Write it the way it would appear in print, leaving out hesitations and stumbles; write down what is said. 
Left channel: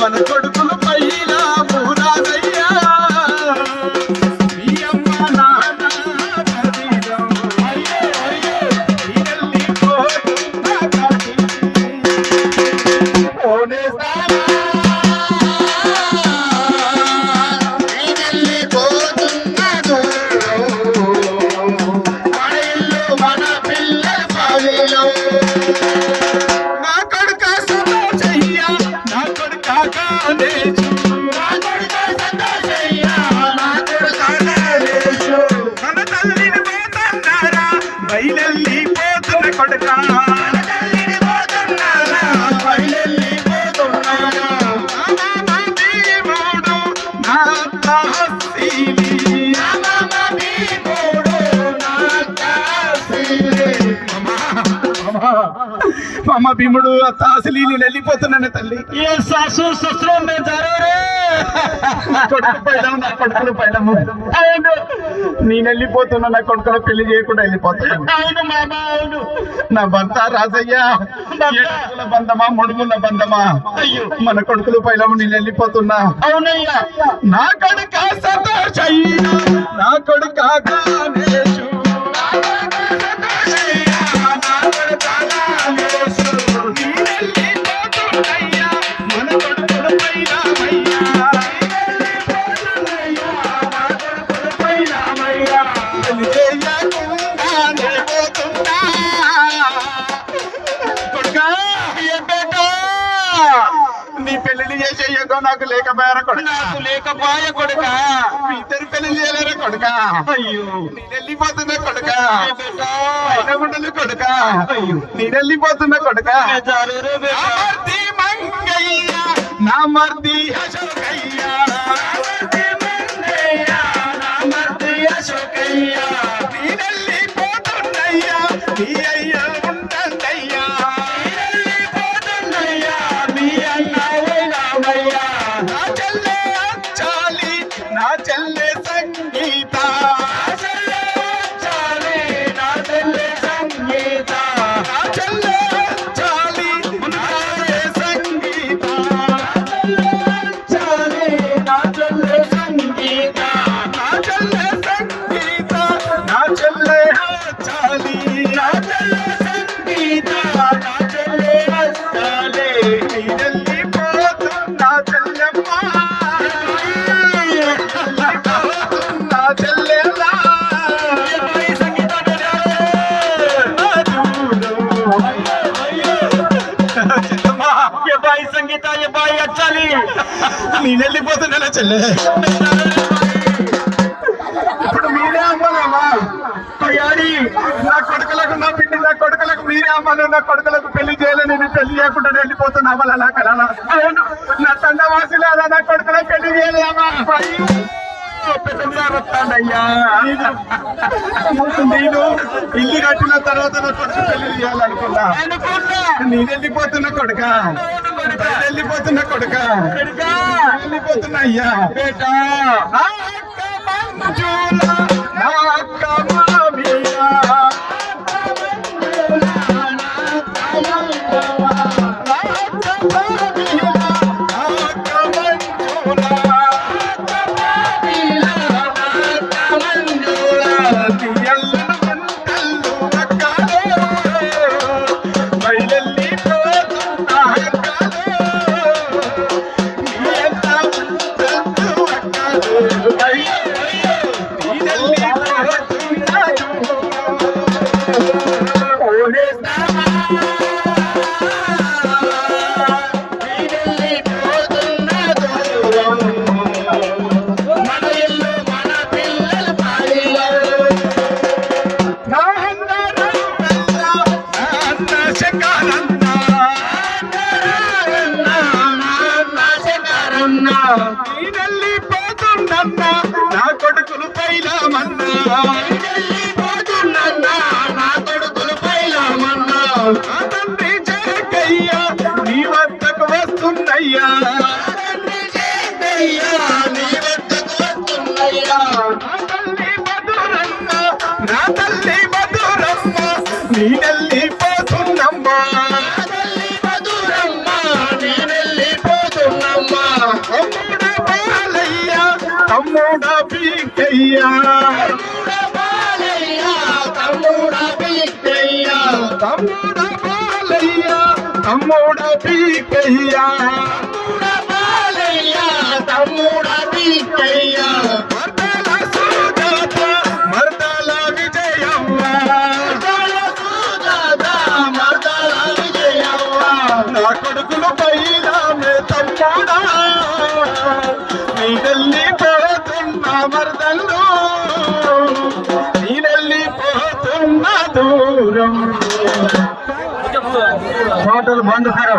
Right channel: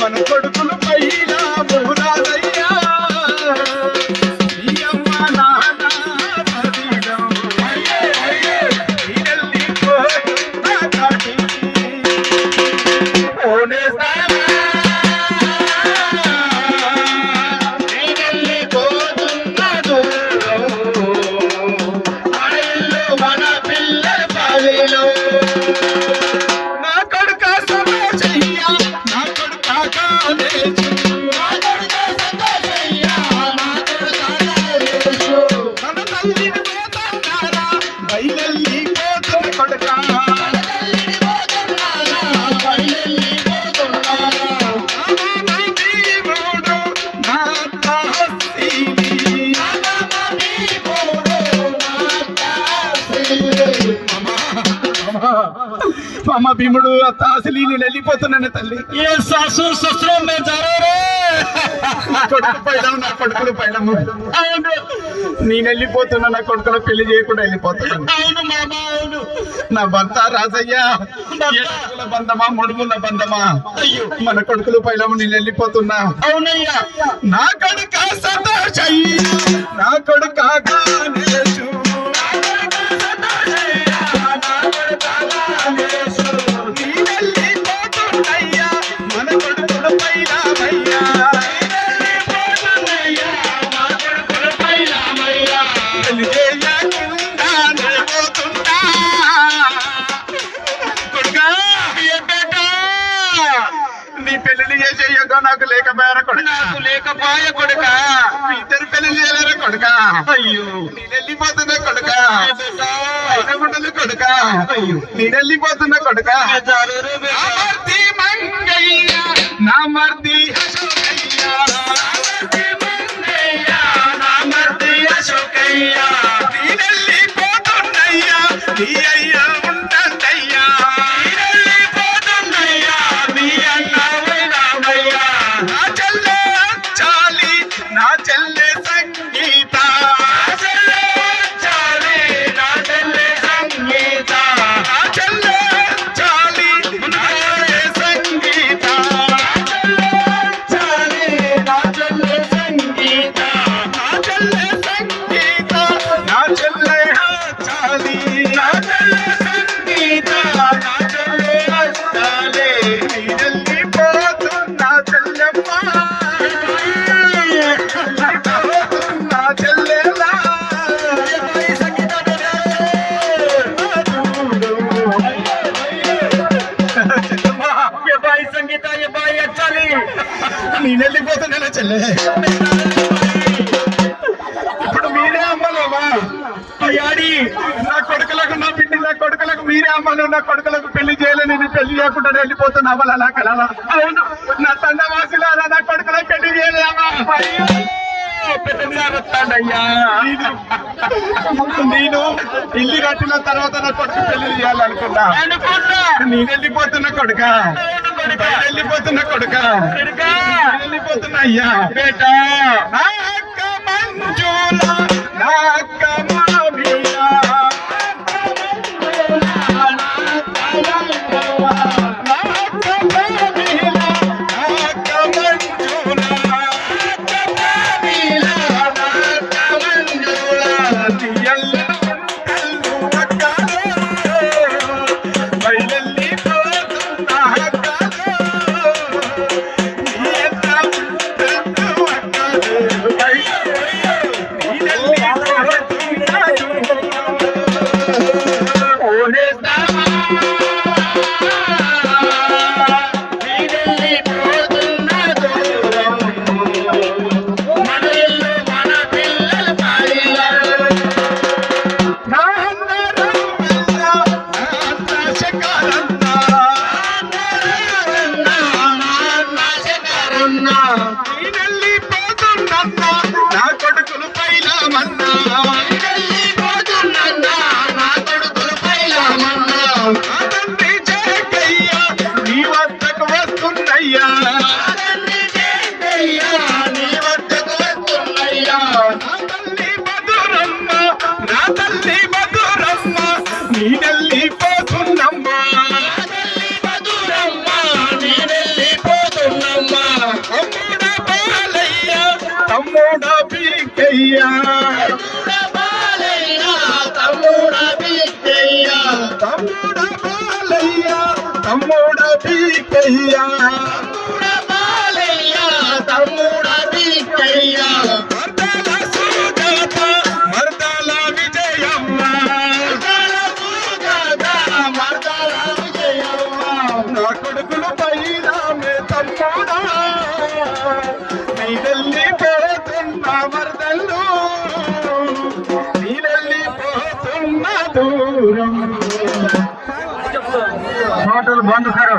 మన కొడుకులు పైలా మూరాదయ్యా మీ అమ్మ నాన్న అమ్మ భీముడు తాసిలీలు వెళ్ళిపోతున్నాను తల్లి ఏ సాసు సస్రం మే జరూరే కొడుకు పైలం నా కొడుకులు పైలము నేను వెళ్ళిపోతున్నా నా కొడుకుల పెళ్లి చేయకుండా వెళ్ళిపోతున్నాను. అవును మామ అవును. నా భర్త రాజయ్య బంధమా ముడుముల బంధమా అయ్యో మన కొడుకులు పైలము నేను వెళ్ళిపోతున్నా. అవునయ్యా నా కొడుక సంతోషయ్య నా కొడుక నీ పెళ్లి చేసేయగా నాకు లేకపోయారా కొడుక నాకు లేకపోయా కొడుక ఇద్దరు పెళ్లి చేయలేరా కొడుక అయ్యో నేను వెళ్ళిపోతున్నా కొడుక కొడుక అయ్యో నేను వెళ్ళిపోతున్నా కొడుక నా మర్ది నేను వెళ్ళిపోతున్నయ్యా నీ అయ్యా ఉంటుందయ్యా నా చెల్లె సంగీత నా చెల్లె సంగీత నా చెల్లె సంగీత నా చెల్లె సంగీత నా చెల్లె చాలి నా చెల్లె సంగీత నా చెల్లె చాలి వెళ్ళిపోతున్నా చెల్లెమ్మ సంగీత బాయ్ వచ్చాలి నేను వెళ్ళిపోతున్నా చెల్లె. ఇప్పుడు మీరే అమ్మలేమా అయ్యాడి నా కొడుకులకు నా బిడ్డ నా కొడుకులకు మీరే అమ్మను నా కొడుకులకు పెళ్లి చేయాలి నేను పెళ్లి చేయకుండా వెళ్ళిపోతున్నా అలా కలలా నా తండవాసులు అలా నా కొడుకులకు పెళ్లి చేయలేమా నేను ఇల్లు కట్టిన తర్వాత నా కొడుకు పెళ్లి చేయాలనుకున్నా. నేను వెళ్ళిపోతున్నా కొడుక వెళ్ళిపోతున్నా కొడుక వెళ్ళిపోతున్నా అయ్యా బేటా నా పోతున్నా వెళ్ళిపోతున్నా నా కొడుకులు పైలామన్నా వెళ్ళిపోతున్నా నా కొడుకులు పైలామన్నా నా తండ్రి జయకయ్యా నీ వద్దకు వస్తున్నయ్యా తండ్రి జయకయ్యా నీ వద్దకు వస్తున్నయ్యా నా తల్లి మధురమ్మ నా తల్లి మధురమ్మ నీ వెళ్ళిపోతున్నమ్మా తల్లి మధురమ్మ నీ వెళ్ళిపోతున్నమ్మా తమ్ముడ బాలయ్య తమ్ముడ పీకయ్యా తమ్ముడ బిడ్డయ్య తమ్ముడ బాలయ్య తమ్ముడ పీకయ్యా తమ్ముడ బాలయ్య తమ్ముడ బిడ్డయ్య మర్దల సుజాత మర్దల విజయమ్మ మర్దల సుజాత మర్దల విజయవ్వ నా కొడుకులు పైలామే తమ్ముడా నీ వెళ్ళిపోతున్నా మరదల్లు నీ వెళ్ళిపోతున్న దూరం హోటల్ బంద్ కరో